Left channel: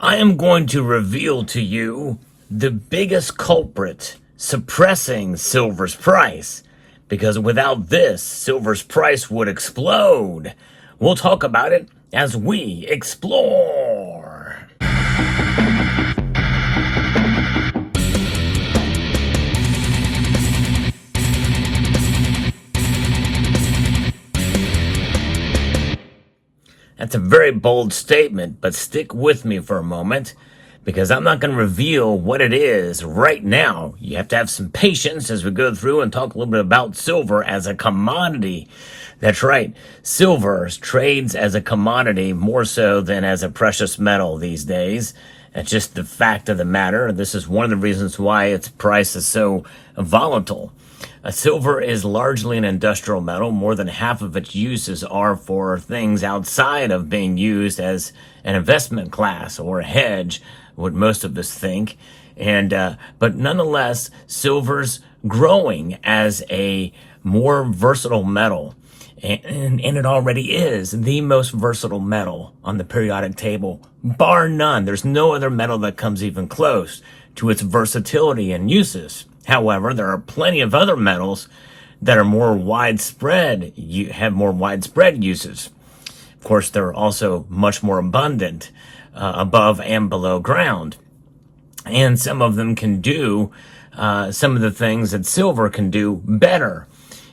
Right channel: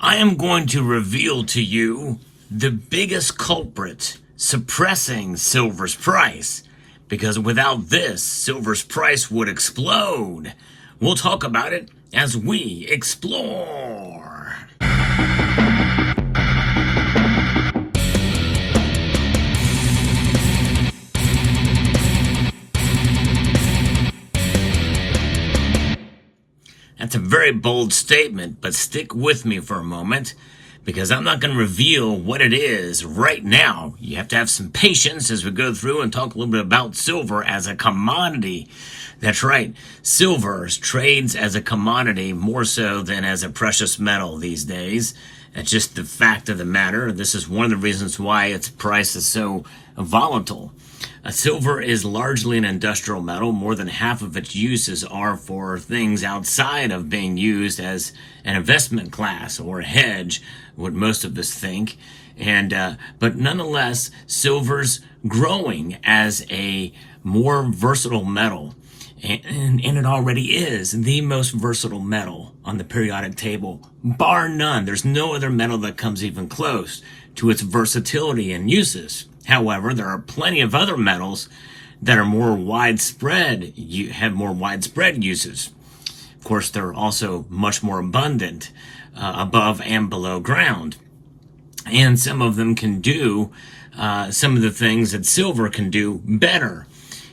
I am going to reveal to you the biggest culprit suppressing silver's price, because without this, silver's price would explode. We'll talk about it as we explore. That's a very bold statement, but stick with me for a moment, because I'm not going to reveal what it is right now. You have to have some patience as we go through and talk a little bit about silver as a commodity. That's right. Silver trades as a commodity more so than as a precious metal these days. That's just the fact of the matter. This is one of the reasons why its price is so volatile. Silver is largely an industrial metal. More than half of its uses are for things outside of being used as an investment class or a hedge, what most of us think. But nonetheless, silver's growing as a more versatile metal. And it already is the most versatile metal on the periodic table, bar none. There's no other metal that comes even close to its versatility and uses. However, there are plenty of other metals that are more widespread, have more widespread uses. Of course, they're also much more abundant above and below ground. And some of them can do some of the things that silver can do better.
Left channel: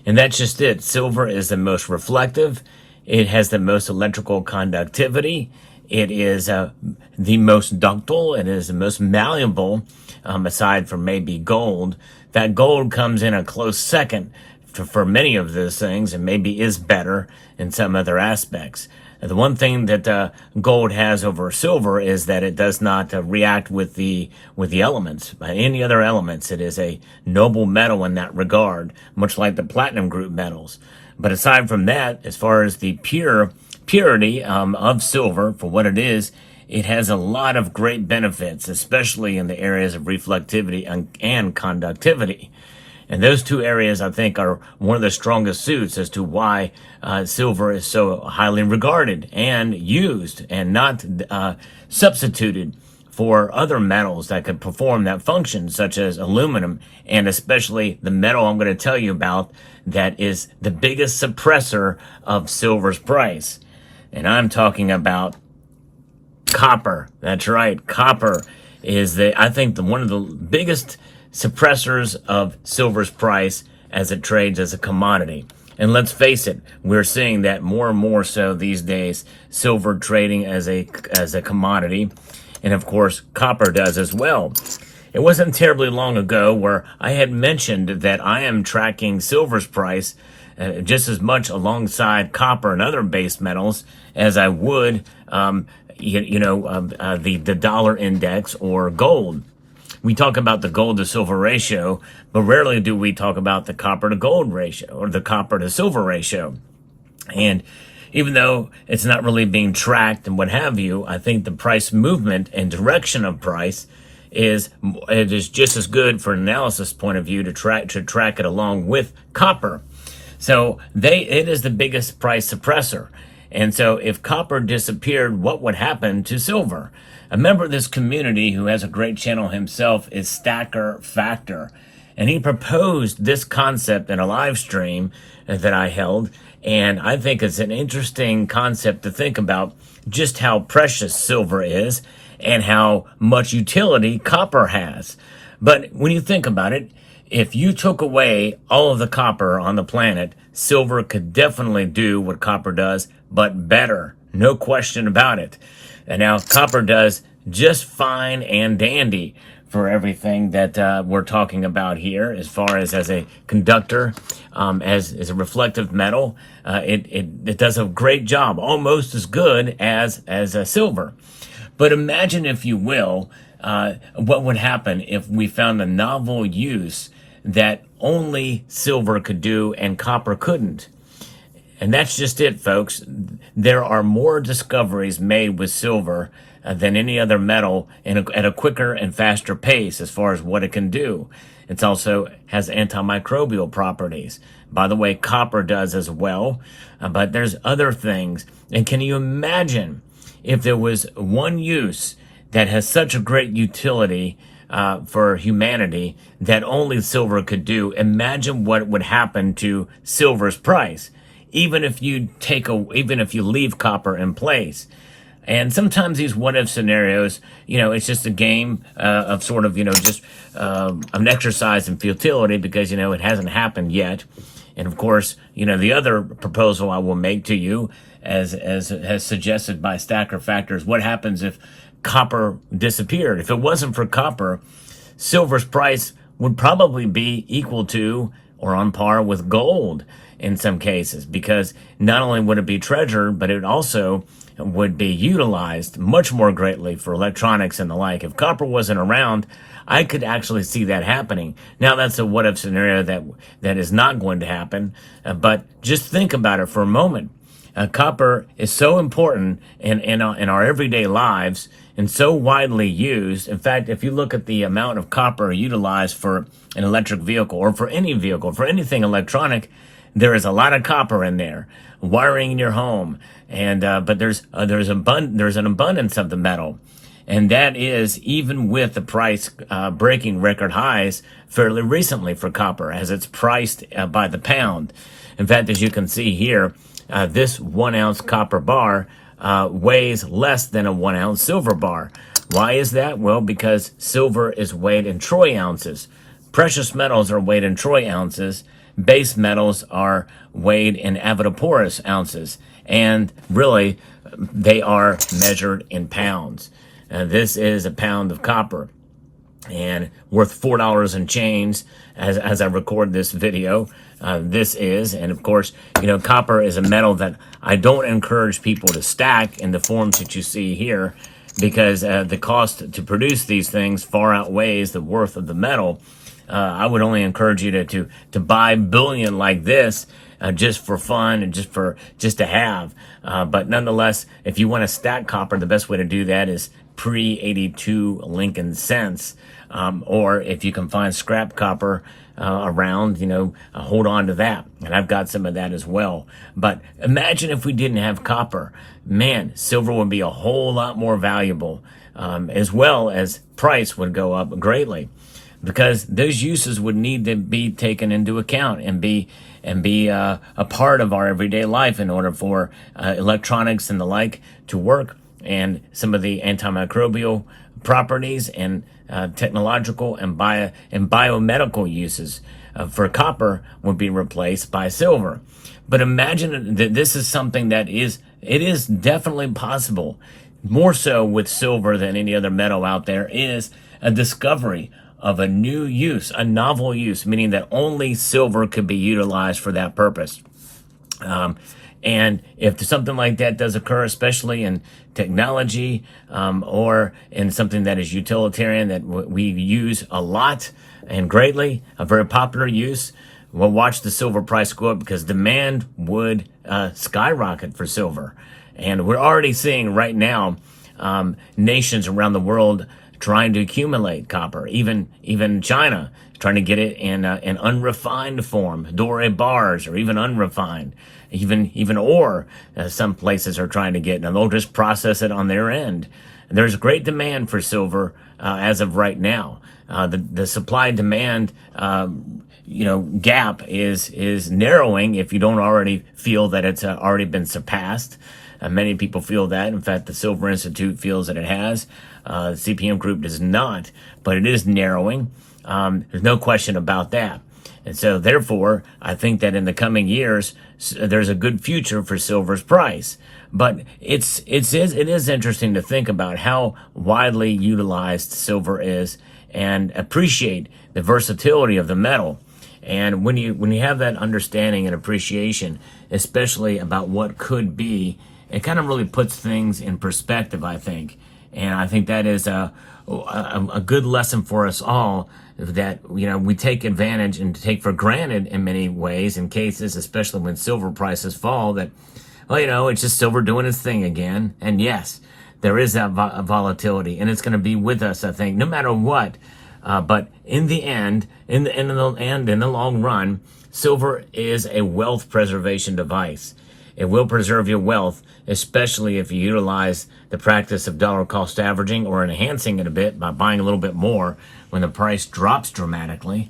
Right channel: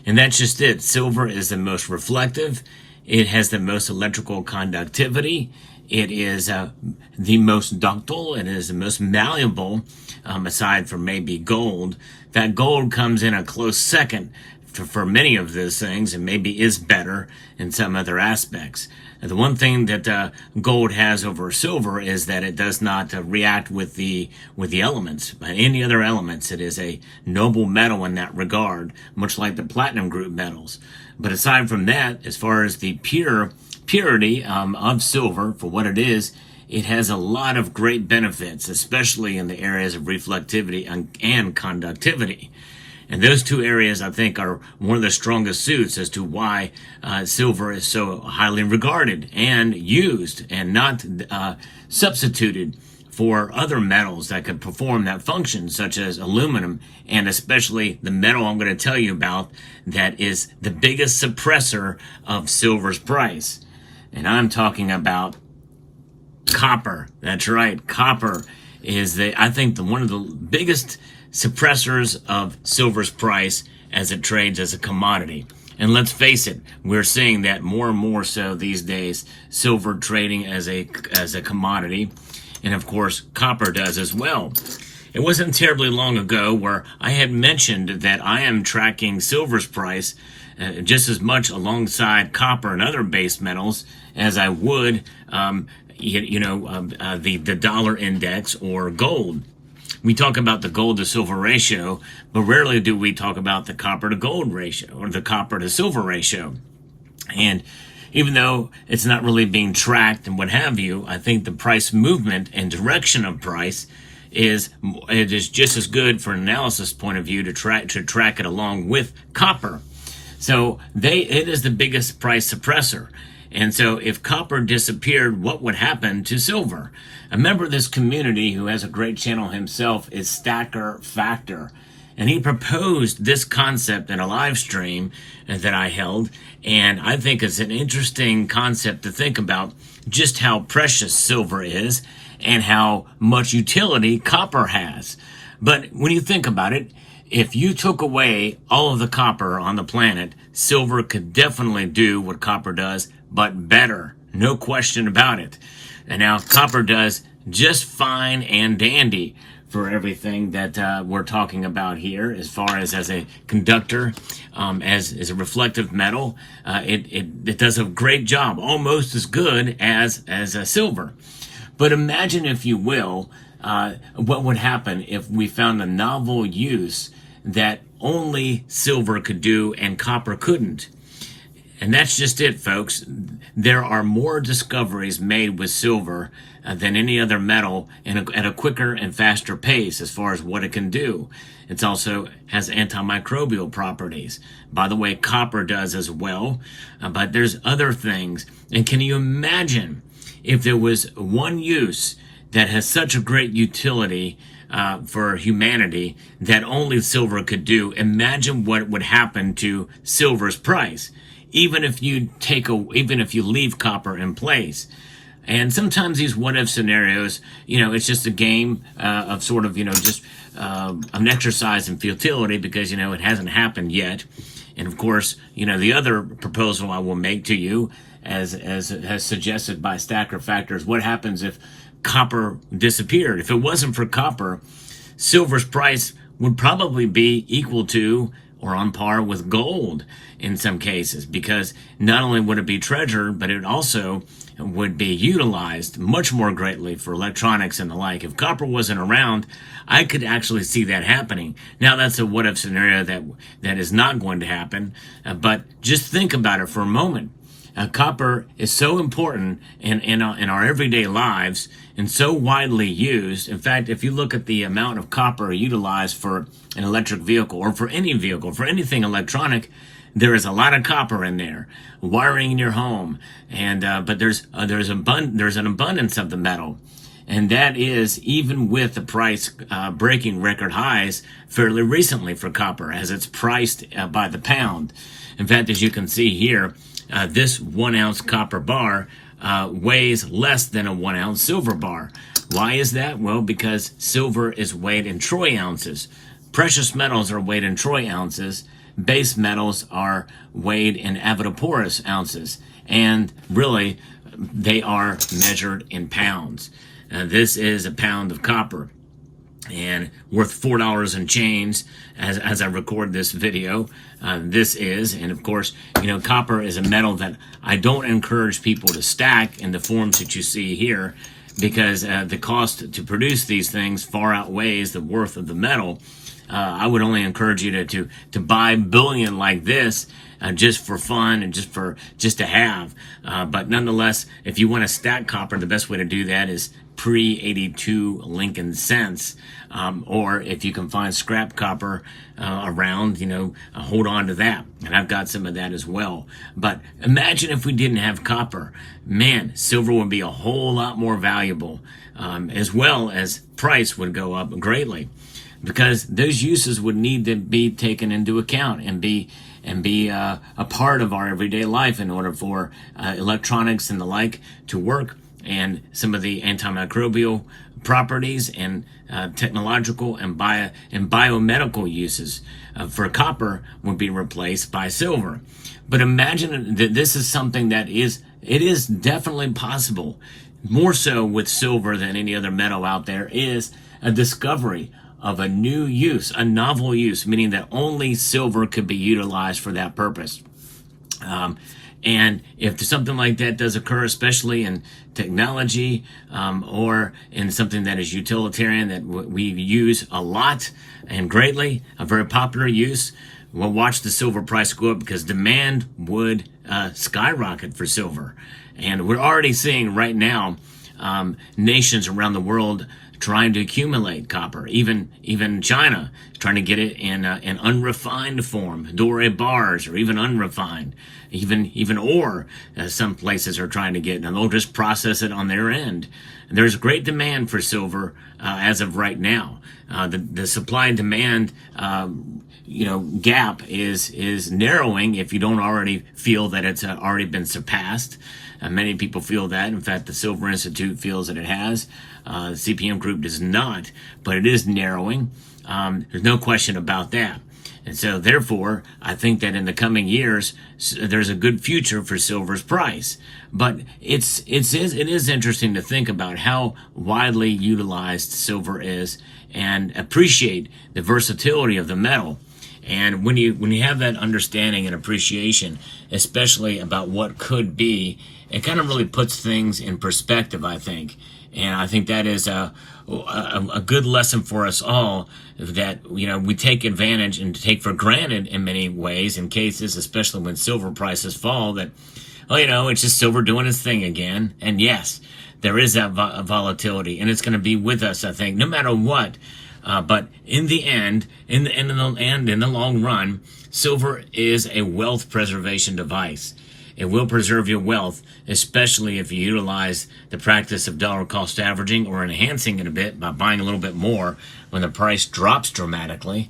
And that's just it. Silver is the most reflective. It has the most electrical conductivity. It is the most ductile. It is the most malleable, aside from maybe gold. That gold comes in a close second for many of those things, and maybe is better in some other aspects. And the one thing that gold has over silver is that it does not react with the elements. Any other elements, it is a noble metal in that regard, much like the platinum group metals. But aside from that, as far as the purity of silver for what it is, it has a lot of great benefits, especially in the areas of reflectivity and conductivity. And those two areas, I think, are one of the strongest suits as to why silver is so highly regarded and used and not substituted for other metals that could perform that function, such as aluminum, and especially the metal I'm going to tell you about that is the biggest suppressor of silver's price. And I'm talking about copper. That's right. Copper is I think one of the biggest suppressors of silver's price as it trades as a commodity. And let's face it, we're seeing that more and more so these days, silver trading as a commodity. And of course, copper does as well. It wasn't terribly long ago where I had mentioned that I am tracking silver's price just as much alongside copper and other base metals as I would, the dollar index or gold. We talk about the gold to silver ratio, but rarely do we talk about the copper to gold ratio or the copper to silver ratio. And even though it's not really being tracked and what have you, I think the price movement and direction of price is just as good for an analysis point of view to track it along with copper. So it is the biggest price suppressor. And so if copper disappeared, what would happen to silver? A member of this community who has a great channel himself is Stacker Factor. And he proposed this concept in a live stream that I held. And I think it's an interesting concept to think about just how precious silver is and how much utility copper has. But when you think about it, if you took away all of the copper on the planet, silver could definitely do what copper does, but better. No question about it. And now copper does just fine and dandy for everything that we're talking about here as far as a conductor, as a reflective metal. It does a great job, almost as good as a silver. But imagine, if you will, what would happen if we found a novel use that only silver could do and copper couldn't. And that's just it, folks. There are more discoveries made with silver than any other metal at a quicker and faster pace as far as what it can do. It also has antimicrobial properties. By the way, copper does as well, but there's other things. And can you imagine if there was one use that has such a great utility for humanity that only silver could do. Imagine what would happen to silver's price, even if you leave copper in place. And sometimes these what-if scenarios, it's just a game of sort of, just an exercise in futility because, it hasn't happened yet. And of course, the other proposal I will make to you, as has suggested by Stacker Factors, what happens if copper disappeared? If it wasn't for copper, silver's price would probably be equal to or on par with gold in some cases, because not only would it be treasured, but it also would be utilized much more greatly for electronics and the like. If copper wasn't around, I could actually see that happening. Now, that's a what-if scenario that is not going to happen, but just think about it for a moment. Copper is so important in our everyday lives and so widely used. In fact, if you look at the amount of copper utilized for an electric vehicle or for any vehicle, for anything electronic, there is a lot of copper in there. Wiring in your home, and but there's an abundance of the metal, and that is even with the price breaking record highs fairly recently for copper, as it's priced by the pound. In fact, as you can see here, this 1 ounce copper bar weighs less than a 1 ounce silver bar. Why is that? Well, because silver is weighed in troy ounces. Precious metals are weighed in troy ounces. Base metals are weighed in avodoporous ounces, and really they are measured in pounds. This is a pound of copper, and worth $4 and change as I record this video. This is, and of course, copper is a metal that I don't encourage people to stack in the forms that you see here, because the cost to produce these things far outweighs the worth of the metal. I would only encourage you to buy bullion like this just for fun and just to have. But nonetheless, if you want to stack copper, the best way to do that is pre-82 Lincoln cents. Or if you can find scrap copper around, hold on to that. And I've got some of that as well. But imagine if we didn't have copper. Man, silver would be a whole lot more valuable, as well as price would go up greatly, because those uses would need to be taken into account and be a part of our everyday life in order for electronics and the like to work, and some of the antimicrobial properties and technological and biomedical uses for copper would be replaced by silver. But imagine that this is something that is definitely possible. More so with silver than any other metal out there is a discovery of a new use, a novel use, meaning that only silver could be utilized for that purpose. And if something like that does occur, especially in technology or in something that is utilitarian that we use a lot and greatly, a very popular use, we'll watch the silver price go up, because demand would skyrocket for silver. And we're already seeing right now nations around the world trying to accumulate copper. Even China trying to get it in unrefined form, doré bars, or even unrefined, even ore. Some places are trying to get, and they'll just process it on their end. There's great demand for silver as of right now. The supply demand gap is narrowing, if you don't already feel that it's already been surpassed. Many people feel that. In fact, the Silver Institute feels that it has. CPM Group does not, but it is narrowing. There's no question about that. And so, therefore, I think that in the coming years, there's a good future for silver's price. But it is interesting to think about how widely utilized silver is, and appreciate the versatility of the metal. And when you have that understanding and appreciation, especially about what could be, it kind of really puts things in perspective, I think. And I think that is a good lesson for us all, that we take advantage and take for granted in many ways, in cases, especially when silver prices fall, that, it's just silver doing its thing again. And yes, there is that volatility, and it's going to be with us, I think, no matter what. But in the end, in the long run, silver is a wealth preservation device. It will preserve your wealth, especially if you utilize the practice of dollar cost averaging or enhancing it a bit by buying a little bit more when the price drops dramatically,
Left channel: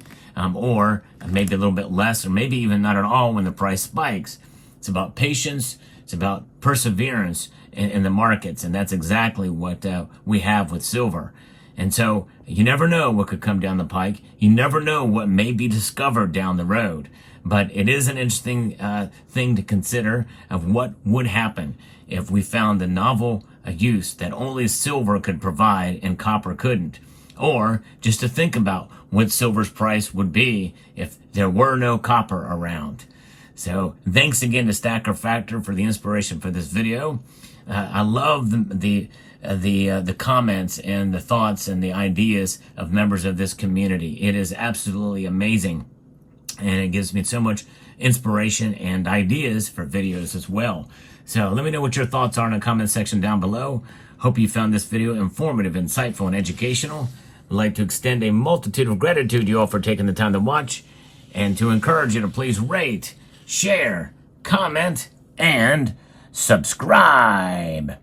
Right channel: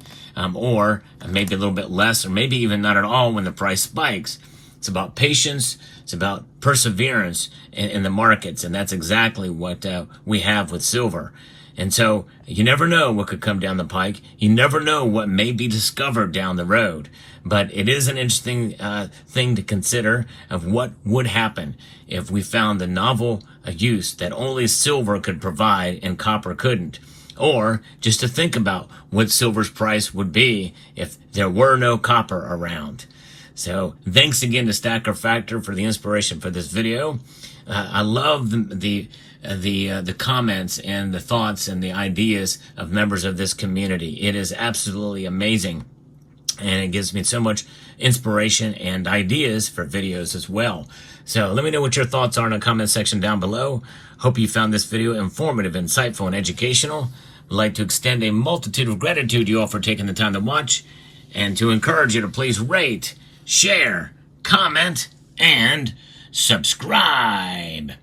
or maybe a little bit less, or maybe even not at all when the price spikes. It's about patience. It's about perseverance in the markets, and that's exactly what we have with silver. And so you never know what could come down the pike. You never know what may be discovered down the road. But it is an interesting thing to consider of what would happen if we found a novel use that only silver could provide and copper couldn't. Or just to think about what silver's price would be if there were no copper around. So thanks again to Stacker Factor for the inspiration for this video. I love the comments and the thoughts and the ideas of members of this community. It is absolutely amazing, and it gives me so much inspiration and ideas for videos as well. So let me know what your thoughts are in the comment section down below. Hope you found this video informative, insightful, and educational. I'd like to extend a multitude of gratitude to you all for taking the time to watch, and to encourage you to please rate, share, comment, and subscribe.